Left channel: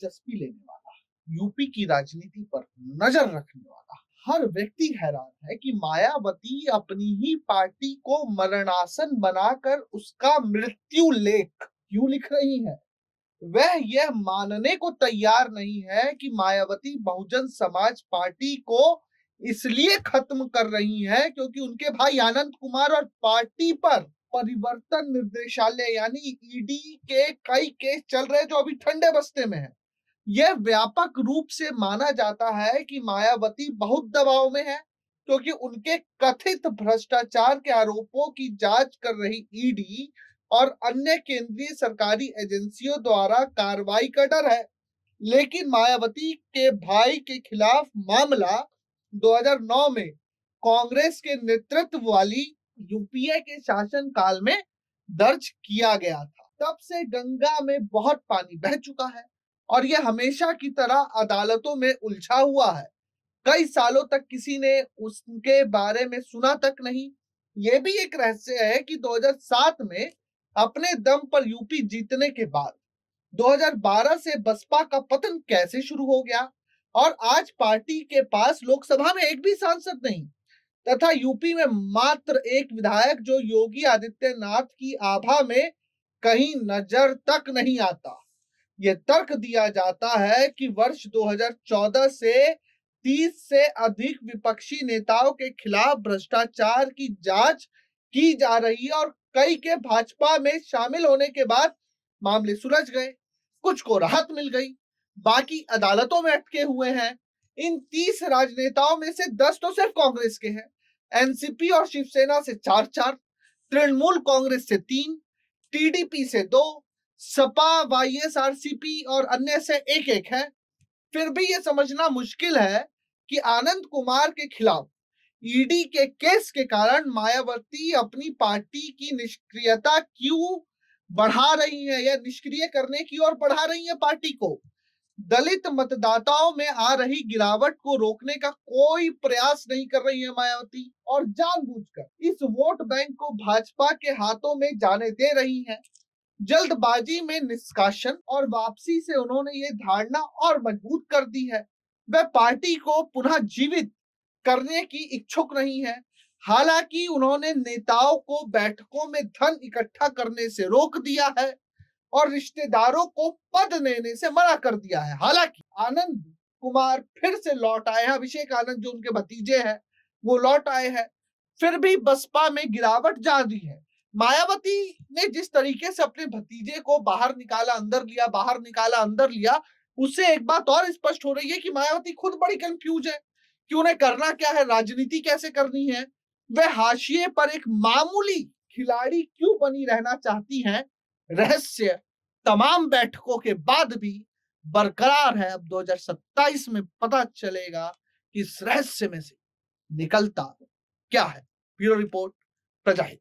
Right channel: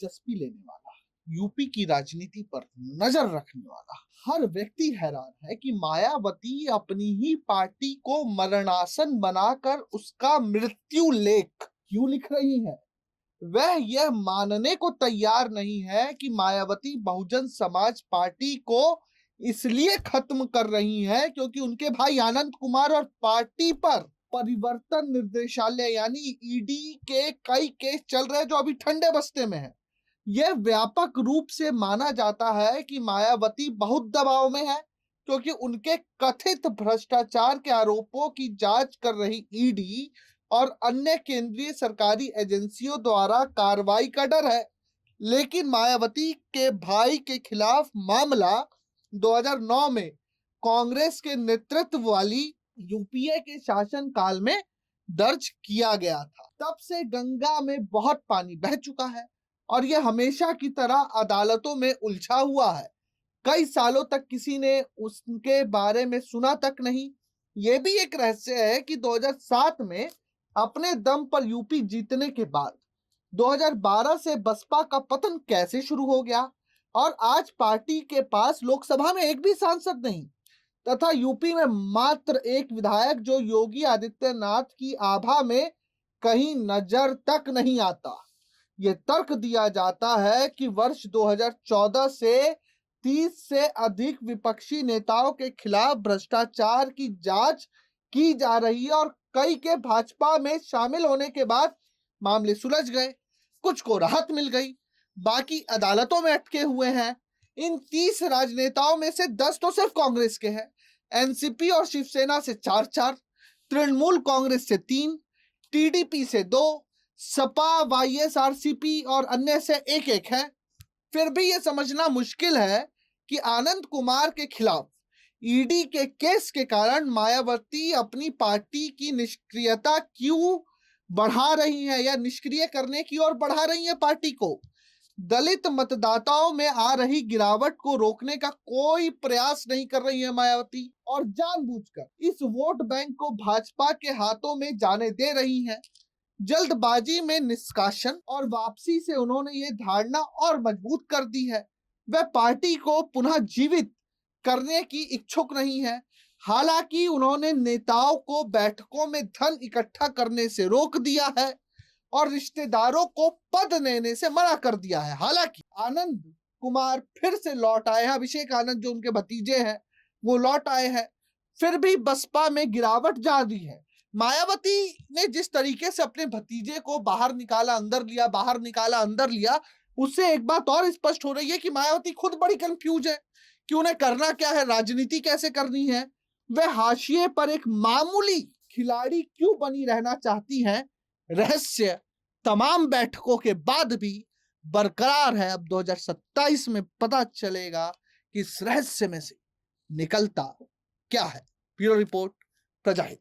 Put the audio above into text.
दिलचस्पी लेने वाला, यूपी की राजनीति पर नजर रखने वाला हर व्यक्ति हैरान है कि मायावती अपनी ही पार्टी को मरणासन बनाकर उसका मृत्यु लेख क्यों लिख रही है। वह यह मानने को तैयार नहीं है कि मायावती बहुजन समाज पार्टी को इसलिए खत्म कर रही है क्योंकि उनके भाई आनंद कुमार और पार्टी पर परिवर्तन निर्देशालय यानी ईडी के कई केस चल रहे हैं जो अभी ठंडे बस्ते में है। यह व्यापक रूप से माना जाता है कि मायावती बहुत दबाव में है क्योंकि उनके कथित भ्रष्टाचार के आरोपों की जांच कर रही ईडी और अन्य केंद्रीय सरकारी एजेंसियों द्वारा कार्रवाई का डर है। लेकिन मायावती के भाई के खिलाफ मामला 2009 में कांग्रेस के नेतृत्व वाली यूपीए के शासन काल में दर्ज किया गया था। तब से गंगा में बहुत पानी बह चुका है और यह हमेशा की तरह अदालतों में उलझा हुआ है। कई सालों तक किसी ने उसके बारे में सुना तक नहीं। यह भी एक रहस्य है कि 2007 में अपने दम पर यूपी जीतने के बाद 2012 से बसपा का पतन कैसे शुरू हो गया और आज पार्टी के पास लोकसभा में एक भी सांसद नहीं तथा यूपी में मात्र एक विधायक जो योगी आदित्यनाथ की आभा में कहीं नजर तक नहीं आता। यह तर्क दिया जाता है कि वर्ष 2014 से 30 से अधिक विपक्षी नेताओं के खिलाफ भ्रष्टाचार की जांच की जा रही है और कई के भाजपा में शामिल होने के बाद मामले सुलझ गए, कुछ को राहत मिल गई, बाकी अदालतों में अटके हुए हैं। इन 30 राजनेताओं में से 10 तो सिर्फ कांग्रेस के हैं, एनसीपी और शिवसेना से 4-4, तृणमूल कांग्रेस से 3, टीडीपी से 2, सपा, वाईएसआरसीपी और अन्य से 1-1 है। फिर भी यह समझना मुश्किल है कि आनंद कुमार के खिलाफ ईडी के केस के कारण मायावती अपनी पार्टी की निष्क्रियता क्यों बढ़ा रही है या निष्क्रिय करने की ओर बढ़ा रही है पार्टी को। दलित मतदाताओं में आ रही गिरावट को रोकने का कोई प्रयास नहीं कर रही है मायावती और जानबूझकर इस वोट बैंक को भाजपा के हाथों में जाने दे रही है। जल्दबाजी में निष्कासन और वापसी से उन्होंने ये धारणा और मजबूत कर दी है। वह पार्टी को पुनः जीवित करने की इच्छुक नहीं है। हालांकि उन्होंने नेताओं को बैठकों में धन इकट्ठा करने से रोक दिया है और रिश्तेदारों को पद देने से मना कर दिया है। हालांकि आनंद कुमार फिर से लौट आए हैं, अभिषेक आनंद जो उनके भतीजे हैं वो लौट आए हैं, फिर भी बसपा में गिरावट जारी है। मायावती ने जिस तरीके से अपने भतीजे को बाहर निकाला अंदर लिया, बाहर निकाला अंदर लिया, उससे एक बात और स्पष्ट हो रही है कि मायावती खुद बड़ी कंफ्यूज है कि उन्हें करना क्या है, राजनीति कैसे करनी है। वह हाशिए पर एक मामूली खिलाड़ी क्यों बनी रहना चाहती हैं, रहस्य तमाम बैठकों के बाद भी बरकरार है। अब 2027 में पता चलेगा कि इस रहस्य में से निकलता क्या है। Bureau report, प्रजाहित।